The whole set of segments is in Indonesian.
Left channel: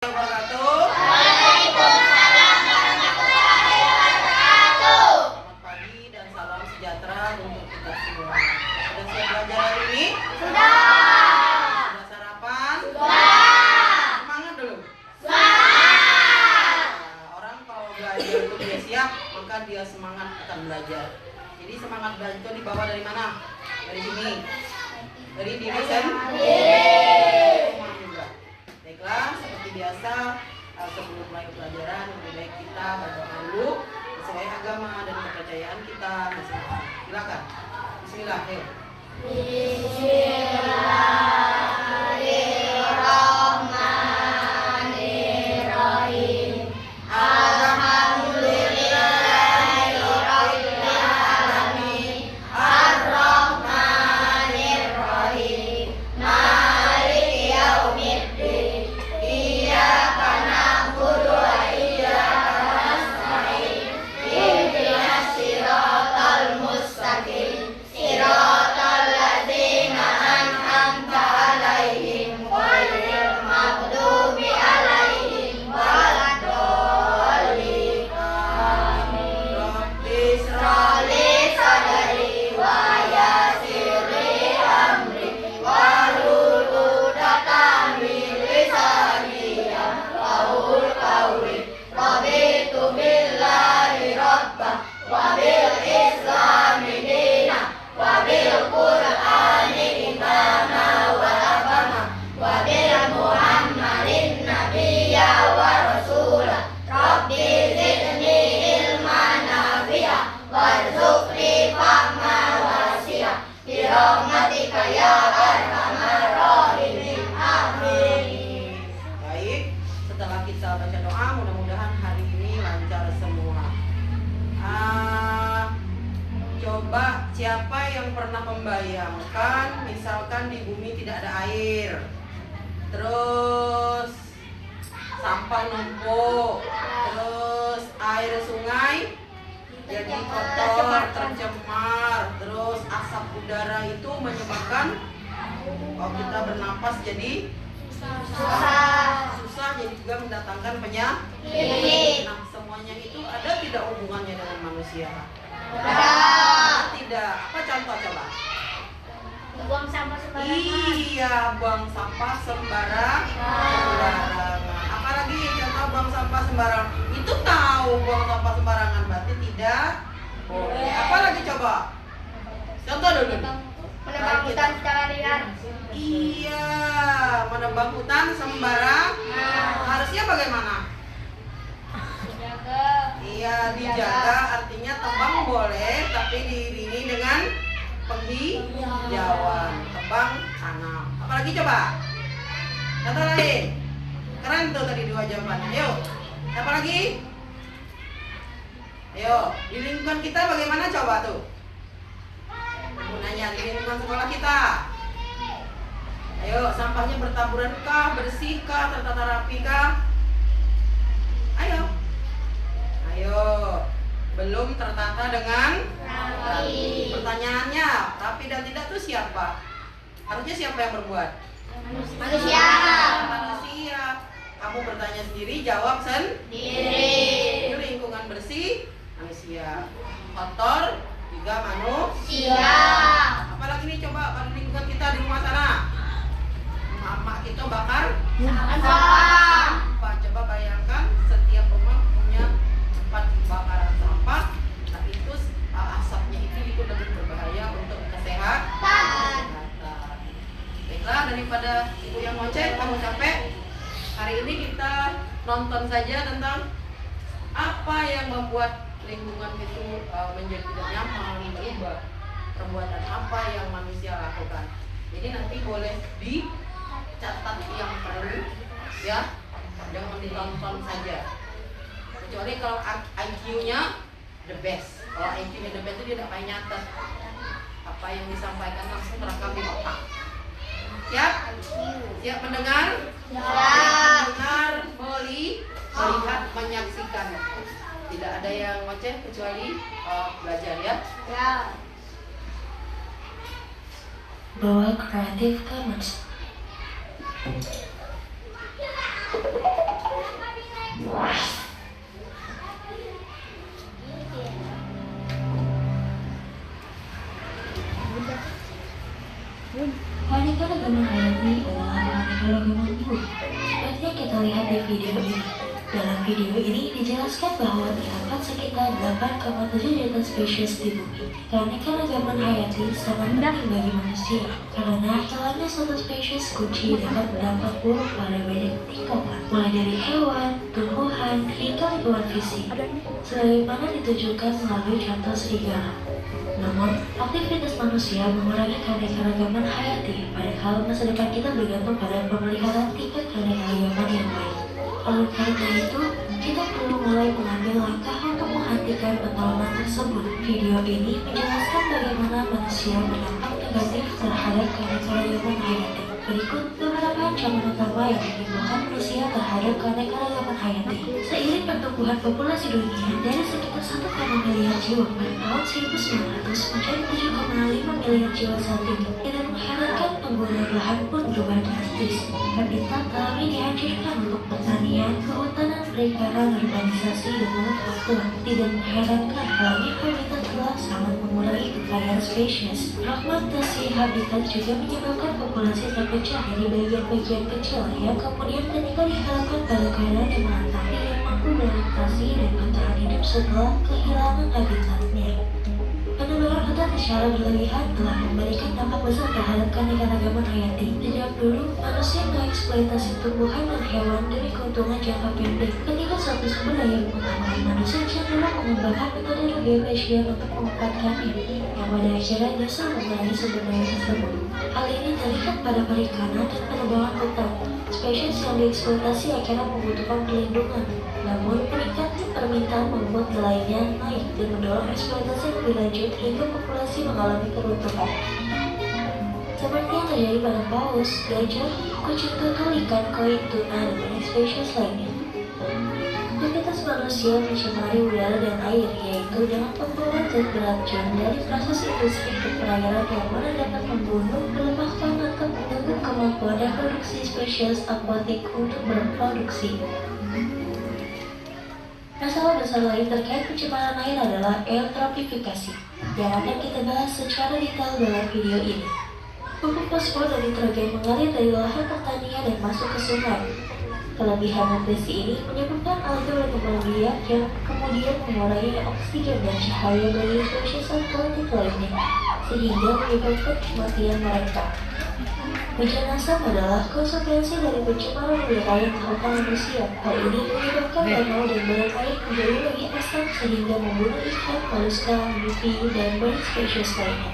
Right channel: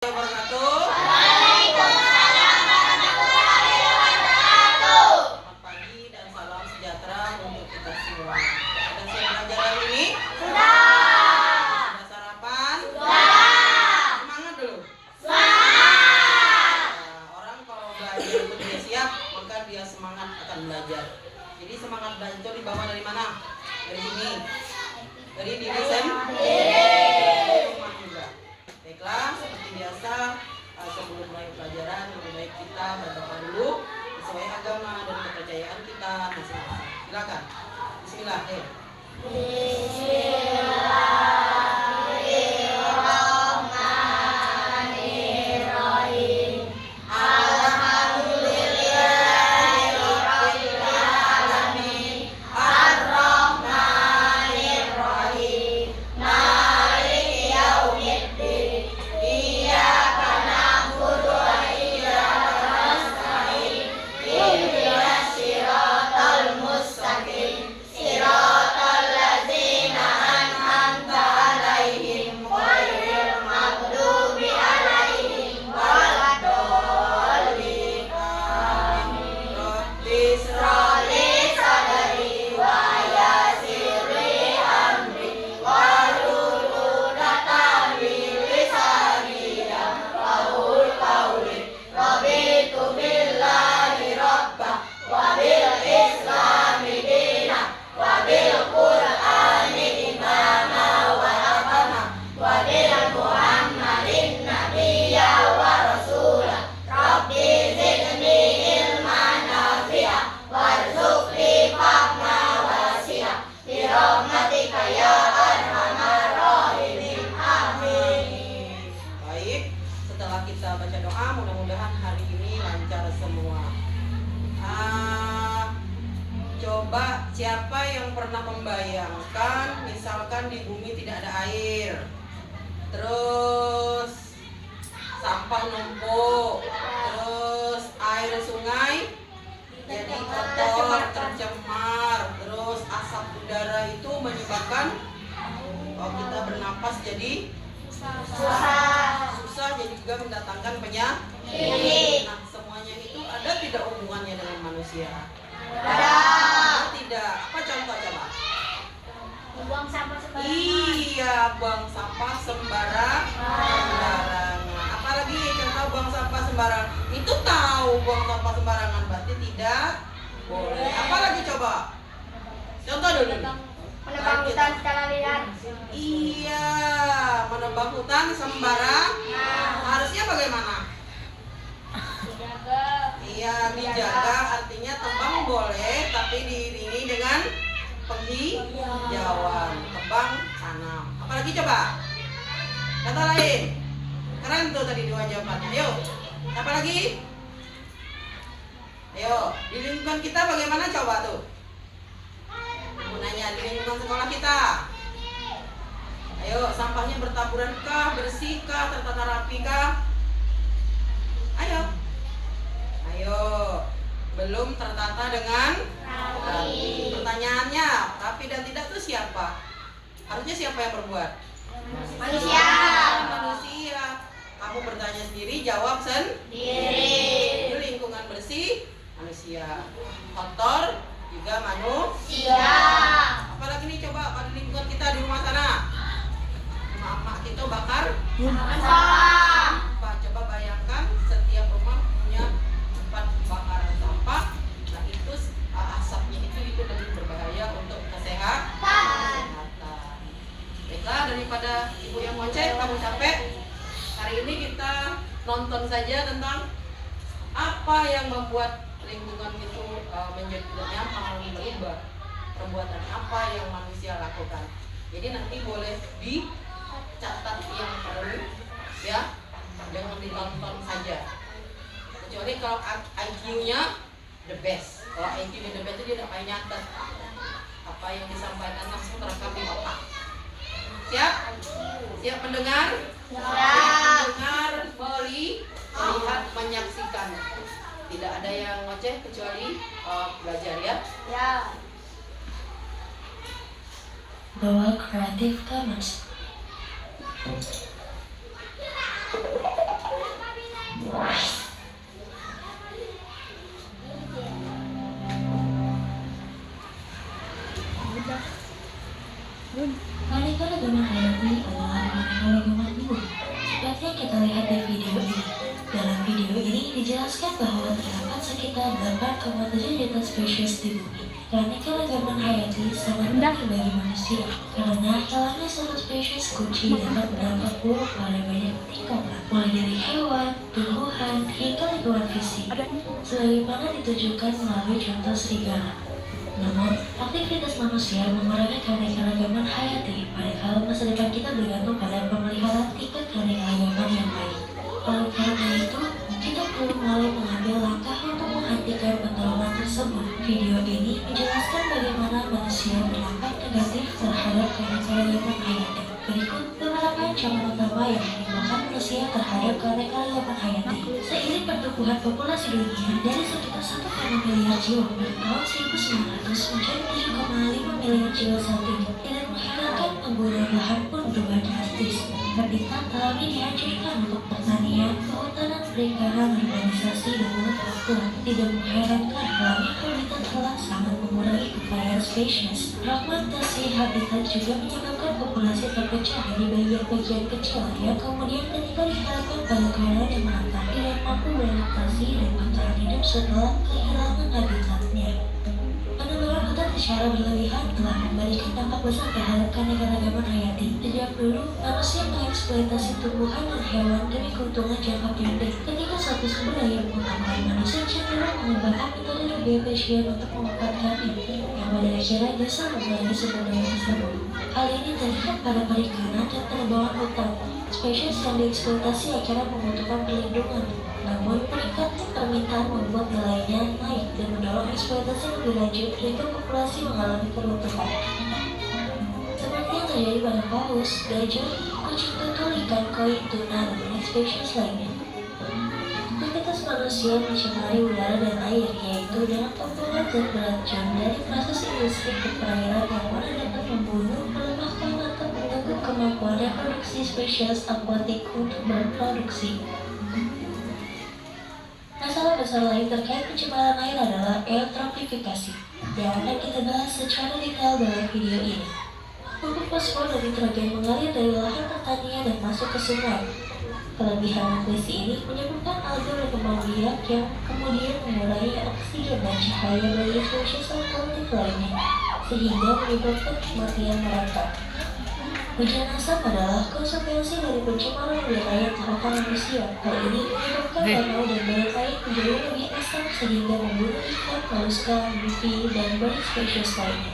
Wabarakatuh. Waalaikumsalam warahmatullahi wabarakatuh. Selamat pagi dan salam sejahtera untuk kita semua. Sudah siap belajar hari ini? Sudah. Sudah sarapan? Sudah. Semangat dulu. Semangat. Orang kalau belajar itu dia siap, maka dia semangat akan belajar. Jadi semangat belajar itu dibawa dari mana? Dari sini. Dari diri sendiri. Baiklah, seperti biasa sebelum mulai pelajaran lebih baik kita berdoa dulu sesuai agama dan kepercayaan kita masing-masing. Silakan. Bismillah. Ayo. Bismillahirrahmanirrahim. Alhamdulillahirabbil alamin. Arrahmanirrahim. Maliki yaumiddin. Iyyaka na'budu wa iyyaka nasta'in. Ihdinas siratal mustaqim. Siratal ladzina an'amta 'alaihim ghairil maghdubi 'alaihim waladdallin. Amin. Rabbi shrah li sadri wa yassir li amri wahlul 'uqdatam min lisani yafqahul qawli. Raditu billahi rabban wa bil islami dinan wa bil qur'ani imama wa nabiyya wa bil muhammadin nabiyya wa rasula. Rabbi zidni ilman nafi'a warzuqni fahma wasi'a bi rahmatika ya arhamar rahimin. Amin. Baik, setelah kita baca doa, mudah-mudahan hari ini lancar semua. Coba siapa yang pernah membayangkan misalkan di bumi tidak ada air, terus sampah numpuk, terus air sungai jadi kotor, tercemar, terus asap udara itu menyebabkan kalau kita bernapas jadi susah, jadi juga mendatangkan penyakit. Nah, semuanya itu ada tidak hubungannya dengan manusia? Ada tidak? Apa contoh coba? Buang sampah sembarangan. Iya, buang sampah sembarangan. Apalagi contoh buang sampah sembarangan? Itu tahu buang sampah sembarangan berarti tidak boleh. Apalagi coba? Contoh dulu nih. Menebang hutan secara liar. Iya, menebang hutan sembarang. Harusnya bagaimana? Dijaga. Iya, dijaga artinya tebang boleh, tapi diiringi dengan penghijauan. Tebang tanam. Apalagi coba? Kata lain. Keren tuh tadi dua jawabannya. Ayo. Apa lagi? Ayo, di lingkungan kita bagaimana coba tuh? Gunanya di lingkungan sekolah kita. Ayo, sampahnya bertaburan kah, bersih kah, tertata rapi kah? Ayo. Ayo. Belum tertata dengan rapi. Pertanyaannya, rapi dan tidak tuh siapa? Harusnya siapa yang berbuat? Manusia. Manusia. Kamu bertanya sendiri, jawab Diri. Di lingkungan bersih, manusia. Kotor, juga manusia. Apalagi nih coba pada lingkungan kita di rumah sana. Emak-emak kita bakar Sampah. sampah. Coba bayangkan setiap rumah punya tempat bakaran sampah. Nah itu asapnya itu lebih berbahaya untuk kesehatan. Baiklah, daripada ibu yang ngoceh, kamu capek. Hari ini kita nonton saja tentang apa yang membuat lingkungan itu menjadi tidak nyaman, berubah. Perbuatan apa yang manusia lakukan. Jadi nanti boleh dicatat yang perlu, ya, jangan ditonton saja. Kecuali kalau IQ-nya the best. Kalau IQ-nya the best itu dia tidak payah nyatet. Apa yang disampaikan langsung terekam di otak. Siap? Siap mendengar? Siap mendengar, melihat, menyaksikan. Tidak ada yang ngoceh kecuali belajar ya. Ya. Bawa Creative Commons. kita lihat di video ini. Dalam video ini dijelaskan bahwa terdapat sekitar 8,7 juta spesies di bumi. Keanekaragaman hayati sangat penting bagi manusia, karena hilangnya satu spesies kunci dapat berdampak buruk pada banyak tingkatan, mulai dari hewan, tumbuhan, hingga lingkungan fisik, sebagaimana ditunjukkan melalui contoh serigala. Namun, aktivitas manusia mengurangi keanekaragaman hayati, padahal masa depan kita bergantung pada pemeliharaan tingkat keanekaragaman yang baik. Oleh karena itu, kita perlu mulai mengambil langkah untuk menghentikan penolongan tersebut. Video ini menjelaskan bagaimana manusia berdampak negatif terhadap keanekaragaman hayati. Berikut beberapa ancaman utama yang menimbulkan manusia terhadap keanekaragaman hayati. Seiring pertumbuhan populasi dunia dari sekitar 1,5 miliar jiwa pada tahun 1900 menjadi 7,5 miliar jiwa saat ini, tidak mengherankan penggunaan lahan pun berubah drastis. Habitat alami dihancurkan untuk pertanian, kehutanan, perikanan, urbanisasi, dan manufaktur. Tidak mengherankan halnya habitat alam sangat mengurangi kekayaan spesies. Fragmentasi habitat juga menyebabkan populasi terpecah di bagian-bagian kecil yang kemudian ketika diharapkan pada keadaan yang merata, tidak mampu beradaptasi dan bertahan hidup setelah kehilangan habitatnya. Penebangan hutan secara berlebihan telah memberikan dampak besar terhadap keanekaragaman hayati. Sejak dulu, manusia mengeksploitasi tumbuhan dan hewan demi keuntungan jangka pendek. Ketika suatu sumber daya mengutamakan manusia cenderung mengembangkan metode geofisien untuk memanfaatkannya, yang pada akhirnya justru mengurangi sumber daya tersebut. Hal ini terlihat pada perikanan dan penebangan hutan. Spesies yang dieksploitasi akhirnya membutuhkan perlindungan. Namun, meningkatnya permintaan membuat nilainya naik dan mendorong eksploitasi lebih lanjut hingga populasi mengalami keruntuhan. Seperti yang terjadi pada paus, gajah, kucing tutul, ikan koi, tuna, dan banyak spesies lainnya. Aktivitas manusia mencemari udara dan air, yaitu dengan pembuangan zat beracun dari proses industri ke perairan yang mana dapat membunuh, melemahkan, atau mengganggu kemampuan reproduksi spesies akuatik untuk berproduksi. Masalah besar lain terkait pencemaran air adalah eutrofifikasi, yang akan kita bahas secara detail dalam video ini. Pupuk fosfor dan nitrogen mengalir dari lahan pertanian dan masuk ke sungai. Kelebihan nutrisi ini menyebabkan alga berkembang biak yang kemudian mengurangi oksigen dan cahaya bagi spesies akuatik lainnya, sehingga menyebabkan kematian mereka. Hujan asam adalah konsekuensi dari pencemaran udara yang dilakukan manusia. Hal ini menyebabkan danau dan badan air menjadi lebih asam sehingga membunuh ikan, molluska, guppy, dan banyak spesies lainnya.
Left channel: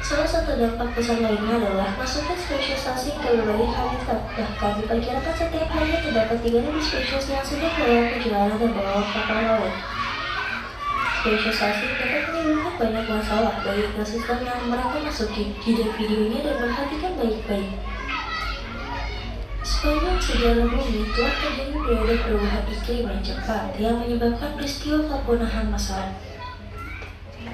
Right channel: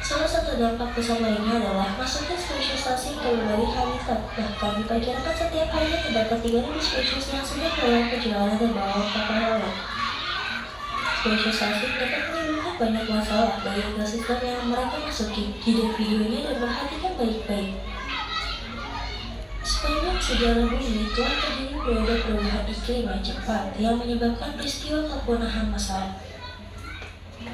Salah satu dampak besar lainnya adalah masuknya spesies asing ke berbagai habitat. Bahkan diperkirakan setiap harinya terdapat 3.000 spesies yang sudah melakukan perjalanan terbawa kapal laut. Spesies asing dapat menimbulkan banyak masalah bagi ekosistem yang mereka masuki. Lihat videonya dan perhatikan baik-baik. Sepanjang sejarah bumi telah terjadi periode perubahan iklim yang cepat yang menyebabkan peristiwa kepunahan massal.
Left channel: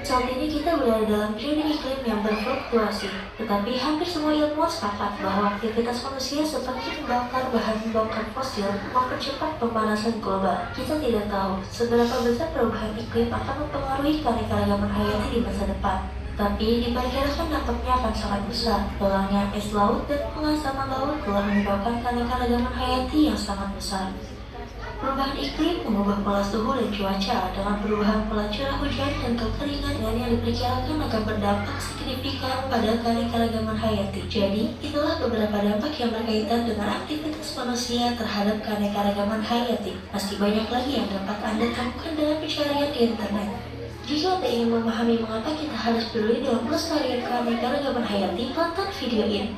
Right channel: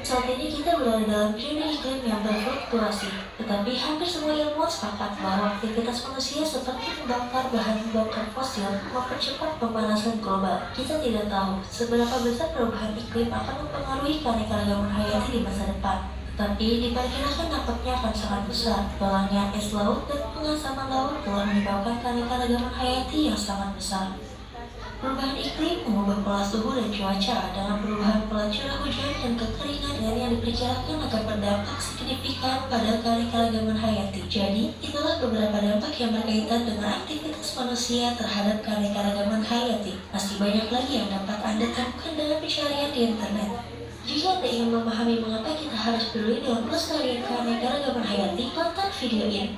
Saat ini kita berada dalam periode iklim yang berfluktuasi, tetapi hampir semua ilmuwan sepakat bahwa aktivitas manusia seperti membakar bahan bakar fosil mempercepat pemanasan global. Kita tidak tahu seberapa besar perubahan iklim akan mempengaruhi keanekaragaman hayati di masa depan, tapi diperkirakan dampaknya akan sangat besar. Hilangnya es laut dan pengasaman laut telah menyebabkan keanekaragaman hayati yang sangat besar. Perubahan iklim mengubah pola suhu dan cuaca dengan perubahan pola curah hujan dan kekeringan yang diperkirakan akan berdampak signifikan pada keanekaragaman hayati. Jadi, itulah beberapa dampak yang berkaitan dengan aktivitas manusia terhadap keanekaragaman hayati. Masih banyak lagi yang dapat Anda temukan dengan pencarian di internet. Jika Anda ingin memahami mengapa kita harus peduli dalam pelestarian keanekaragaman hayati, tonton video ini.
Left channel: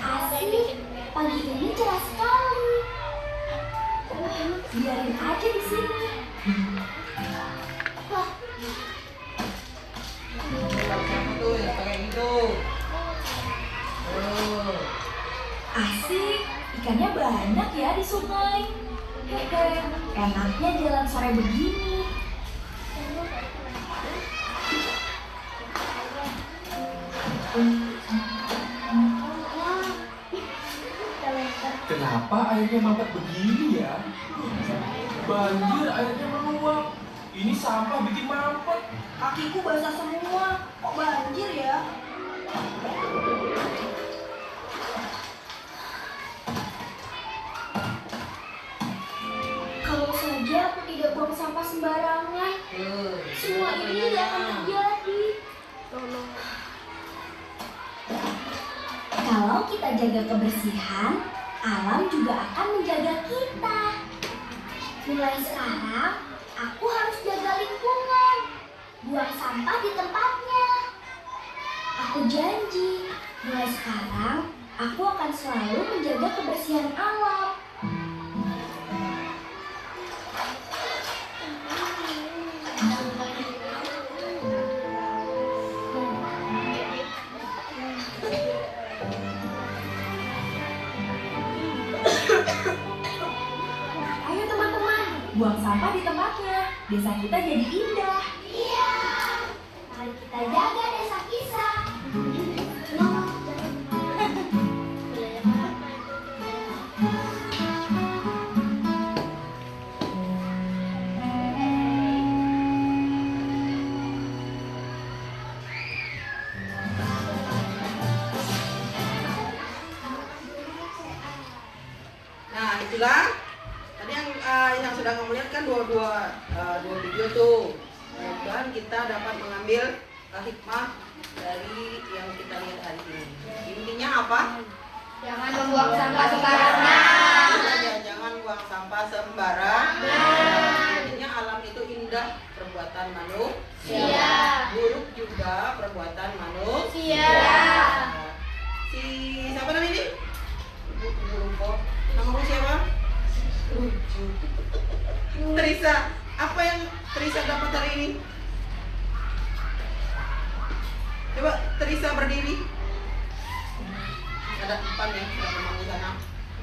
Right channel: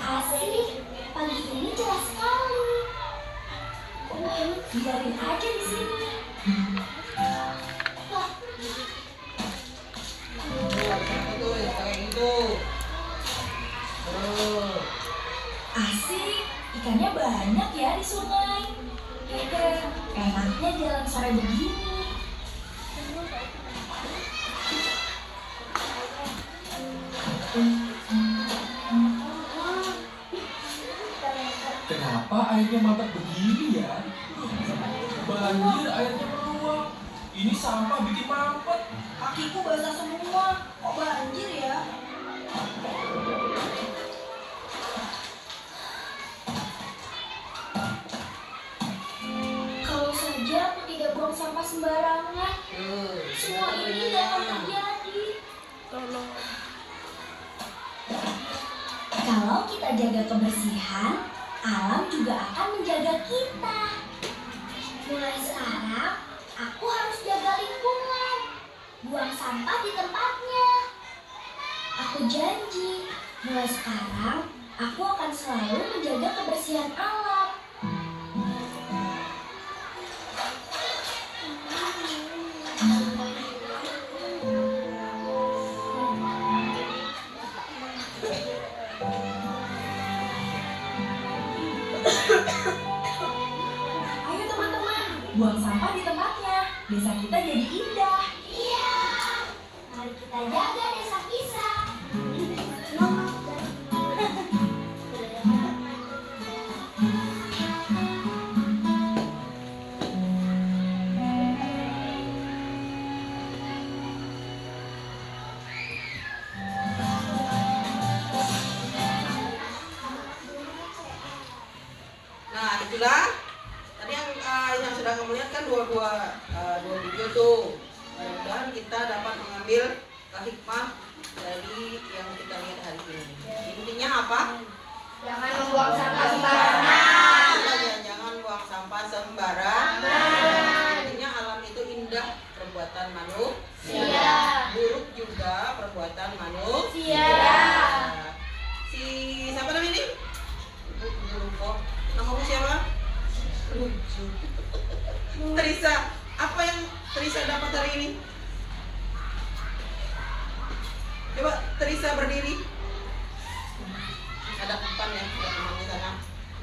Asik, pagi ini cerah sekali. Biarin aja di sini. Wah, Siapa tuh yang pakai itu? Asik, ikannya banyak ya di sungai. Hehe, enaknya jalan sore begini. Kenapa airnya mampet begini ya? Banjir, airnya meluap. Ini sampah bikin mampet. Kakiku basah semua. Kok banjir ya? Kalau saja aku tidak buang sampah sembarangan, semua ini tidak akan terjadi. Kalau kita jaga kebersihan, alam juga akan menjaga kita. Mulai sekarang, aku harus jaga lingkungan. Buang sampah di tempatnya. Aku janji, mulai sekarang aku akan selalu menjaga kebersihan alam. Ayo teman-teman, buang sampah di tempatnya. Desa kita jadi indah. Iya. Mari kita jaga desa kita. Nah, itulah tadi yang sudah kamu lihat kan dua video tuh. Mudah-mudahan kita dapat mengambil hikmah dari yang kita lihat hari ini. Intinya apa? Jangan membuang sampah sembarangan. Jangan buang sampah sembarangan. Intinya alam itu indah perbuatan manusia. Buruk juga perbuatan manusia. Si siapa namanya ini? Lupa. Namamu siapa? Lucu. Teresa. Apa yang Teresa dapat hari ini? Coba Teresa berdiri. Ada empan ya, ada teman di sana.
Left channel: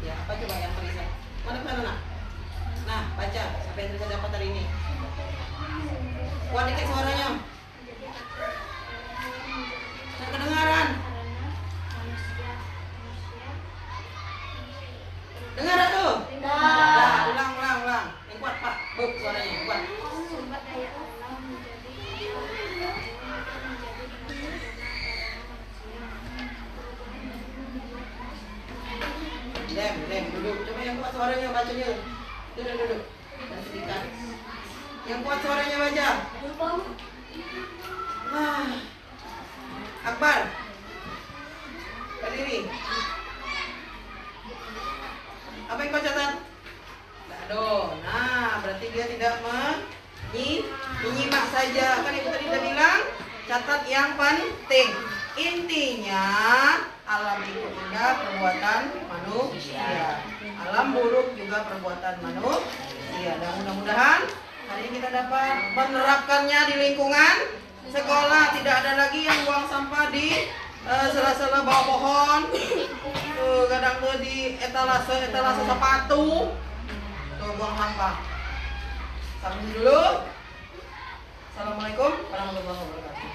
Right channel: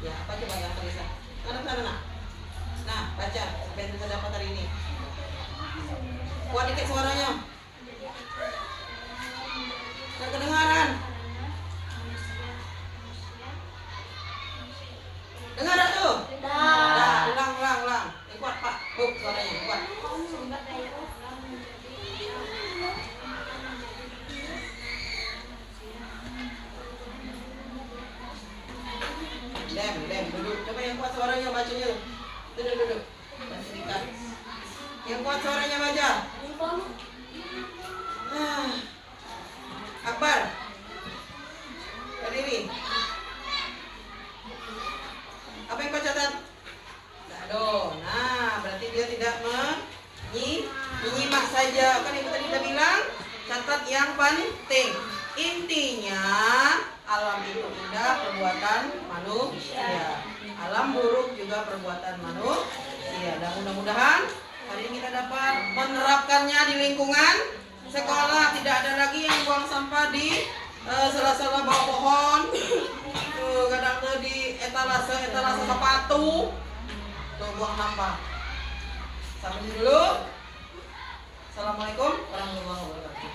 Ya, apa coba yang Teresa? Ada sana nak? Nah, baca apa yang Teresa dapat hari ini. Kuat dikit suaranya. Nggak kedengaran. Dengar dah tuh? Dah, ulang. Yang kuat Pak. Suaranya kuat. Sumber daya alam menjadi Lem, duduk. Coba yang kuat suaranya bacanya. Duduk. Baca dikit. Yang kuat suaranya baca. Akbar. Berdiri. Apa yang kau catat? Aduh, nah berarti dia tidak menyimak saja. Kan ibu tadi sudah bilang, catat yang penting. Intinya, alam itu indah perbuatan manusia. Alam buruk juga perbuatan manusia. Dan mudah-mudahan hari ini kita dapat menerapkannya di lingkungan sekolah. Tidak ada lagi yang buang sampah di sela-sela bawah pohon. Tuh, kadang tuh di etalase sepatu. Tuh, buang sampah. Sampai dulu. Assalamualaikum warahmatullahi wabarakatuh.